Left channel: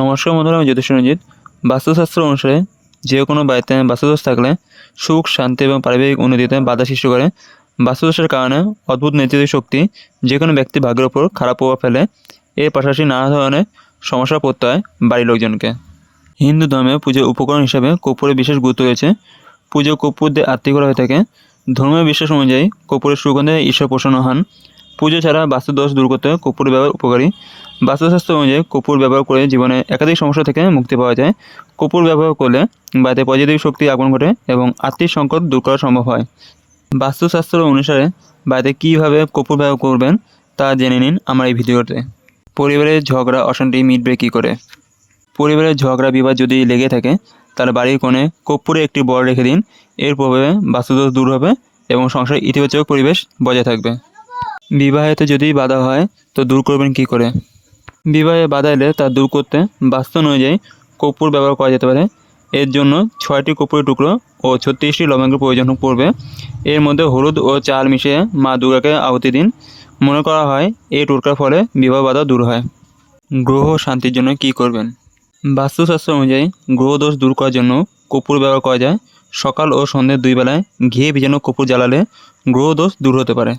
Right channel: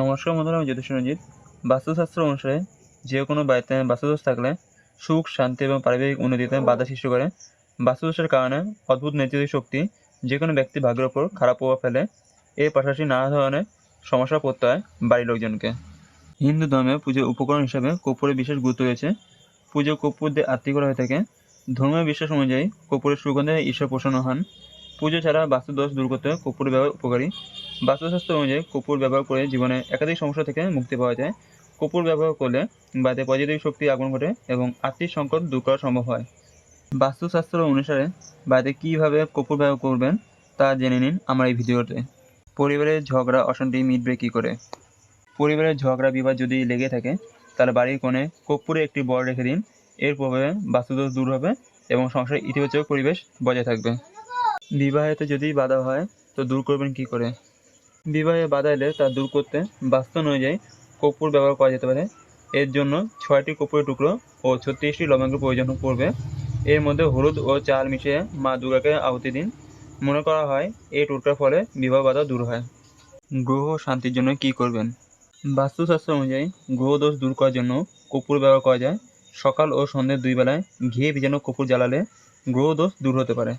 নমস্কার বন্ধুরা, আমি জ্যোতিষ রঞ্জিত। বাস্তুশাস্ত্র অনুসারে যে কোনো বাড়িতে বাস্তুদোষ থাকলে সুখ, শান্তি এবং পারিবারিক উন্নতিতে বাধা সৃষ্টি করে। বাস্তুদোষের কারণে অদ্ভুত নেতিবাচক শক্তি যে কোনো ব্যক্তির ভাগ্যের ওপর খারাপ প্রভাব ফেলে। এর পাশাপাশি নানা ধরনের সমস্যা পড়তে হয় বাড়ির লোকজনকে। হিন্দু ধর্মে পুজোর উপকরণ হিসাবে কর্পূরের বিশেষ গুরুত্ব রয়েছে। পুজো কর্পূর দিয়ে আরতি করা হয়ে থাকে। ধর্মীয় বিশ্বাস অনুযায়ী কর্পূরের সুগন্ধে ঈশ্বর প্রসন্ন হন। পুজো ছাড়া বাস্তুদোষ দূর করতে কর্পূর ব্যবহার উপকারী। বাস্তুশাস্ত্র অনুযায়ী কর্পূর ব্যবহার করে জীবনে একাধিক সমস্যা থেকে মুক্তি পাওয়া যায়। কর্পূর ব্যবহার করলে বাড়িতে পজিটিভ শক্তি আগমন ঘটে এবং আর্থিক সংকট দূর করা সম্ভব হয়। বাস্তুশাস্ত্র অনুসারে বাড়িতে কীভাবে কর্পূর ব্যবহার করবেন তা জেনে নিন আমার এই ভিডিওতে। পরিবারের ঝগড়া অশান্তি মিটবে কী করে? পরিবারের ঝগড়া বিবাদ যদি লেগে থাকে তাহলে বাড়ির কোণে কর্পূরে একটি বড় রেখে দিন। এর প্রভাবে বাস্তুদোষ দূর হবে এবং সংসারে ইতিবাচক পরিবেশ বজায় থাকবে। বিবাহেতে যদি বাধা হয় তো দূর করবেন কী করে? বিবাহে বাধা এলে তা দূর করতে বাস্তু অনুযায়ী কর্পূর ব্যবহার করা যেতে পারে। এর জন্য 6টি কর্পূরের টুকরো ও 36টি লবঙ্গের প্রয়োজন পড়বে। এর মধ্যে হলুদ ও চাল মিশিয়ে মা দুর্গাকে আহুতি দিন। মনে করা হয় এই টোটকার ফলে বিবাহ বাধা দূর হয়। গ্রহ শান্তির জন্য কী করবেন? বাস্তুশাস্ত্র অনুযায়ী গ্রহদোষ দূর করার জন্য কর্পূর ব্যবহার করা যায়। সকাল ও সন্ধ্যে 2 বেলায় ঘিয়ে ভিজানো কর্পূর জ্বালালে গ্রহদোষ দূর হতে পারে।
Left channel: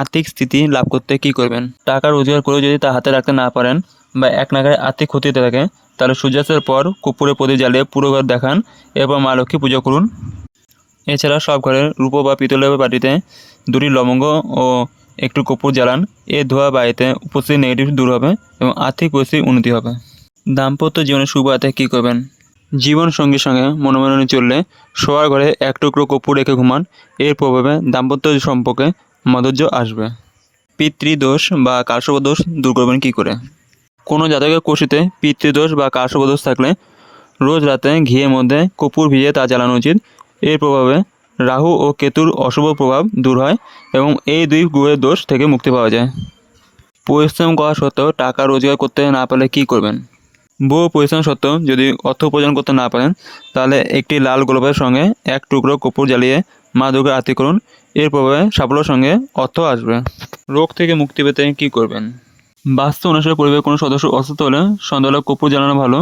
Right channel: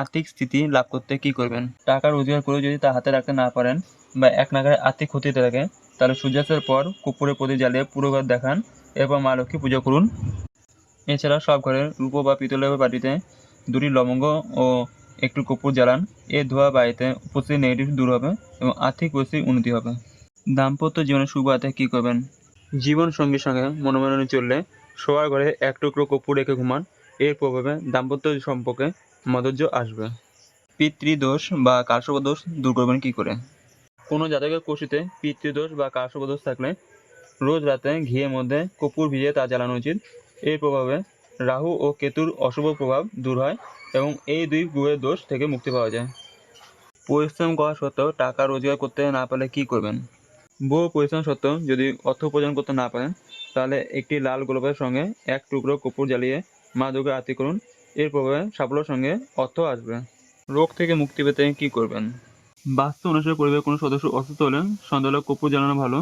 আর্থিক স্থিতি লাভ করতে কী করবেন? টাকা রোজগার করেও যদি তা হাতে রাখতে না পারেন বা এক নাগাড়ে আর্থিক ক্ষতিতে থাকে তাহলে সূর্যাস্তের পর কর্পূরের প্রদীপ জ্বালিয়ে পুরো ঘর দেখান। এরপর মা লক্ষ্মী পুজো করুন। এছাড়া সব ঘরের রূপো বা পিতলের বাটিতে 2টি লবঙ্গ ও একটু কর্পূর জ্বালান। এর ধোয়া বাড়িতে উপস্থিত নেগেটিভ দূর হবে এবং আর্থিক পরিস্থিতির উন্নতি হবে। দাম্পত্য জীবনে শুভ বাড়াতে কী করবেন? জীবন সঙ্গীর সঙ্গে মনোমালিন্য চললে শোয়ার ঘরে এক টুকরো কর্পূর রেখে ঘুমান। এর প্রভাবে দাম্পত্য সম্পর্কে মাধুর্য আসবে। পিতৃদোষ বা কালসর্পদোষ দূর করবেন কী করে? কোনো জাতকের কুষ্ঠিতে পিতৃদোষ বা কালসর্পদোষ থাকলে রোজ রাতে ঘিয়ের মধ্যে কর্পূর ভিজিয়ে তা জ্বালানো উচিত। এর প্রভাবে রাহু ও কেতুর অশুভ প্রভাব দূর হয় এবং এই 2 গ্রহের দোষ থেকে মুক্তি পাওয়া যায়। পরিশ্রম করা সত্ত্বেও টাকা রোজগার করতে না পারলে কী করবেন? বহু পরিশ্রম সত্ত্বেও যদি অর্থ উপার্জন করতে না পারেন তাহলে একটি লাল গোলাপের সঙ্গে এক টুকরো কর্পূর জ্বালিয়ে মা দুর্গার আরতি করুন। এর প্রভাবে সাফল্যের সঙ্গে অর্থ আসবে। রোগ থেকে মুক্তি পেতে কী করবেন? বাস্তু অনুসারে পরিবারের কোনো সদস্য অসুস্থ হলে সন্ধ্যাবেলা কর্পূর জ্বালানো ভালো।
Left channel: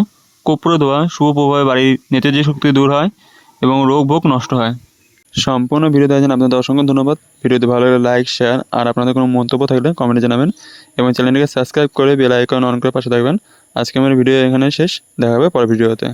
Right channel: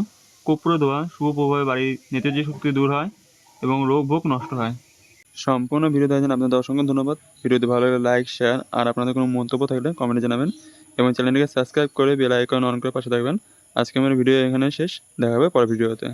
কর্পূরে ধোয়া শুভ প্রভাবে বাড়ির নেতিবাচক শক্তি দূর হয় এবং রোগ ভোগ নষ্ট হয়। সম্পূর্ণ ভিডিও দেখার জন্য আপনাদের অসংখ্য ধন্যবাদ। ভিডিওটি ভালো লাগলে লাইক, শেয়ার আর আপনাদের কোনো মন্তব্য থাকলে কমেন্টে জানাবেন এবং চ্যানেলটিকে সাবস্ক্রাইব করে বেল আইকন অন করে পাশে থাকবেন। আজকে আমার ভিডিও এখানে শেষ। দেখা হবে পরের ভিডিওতে।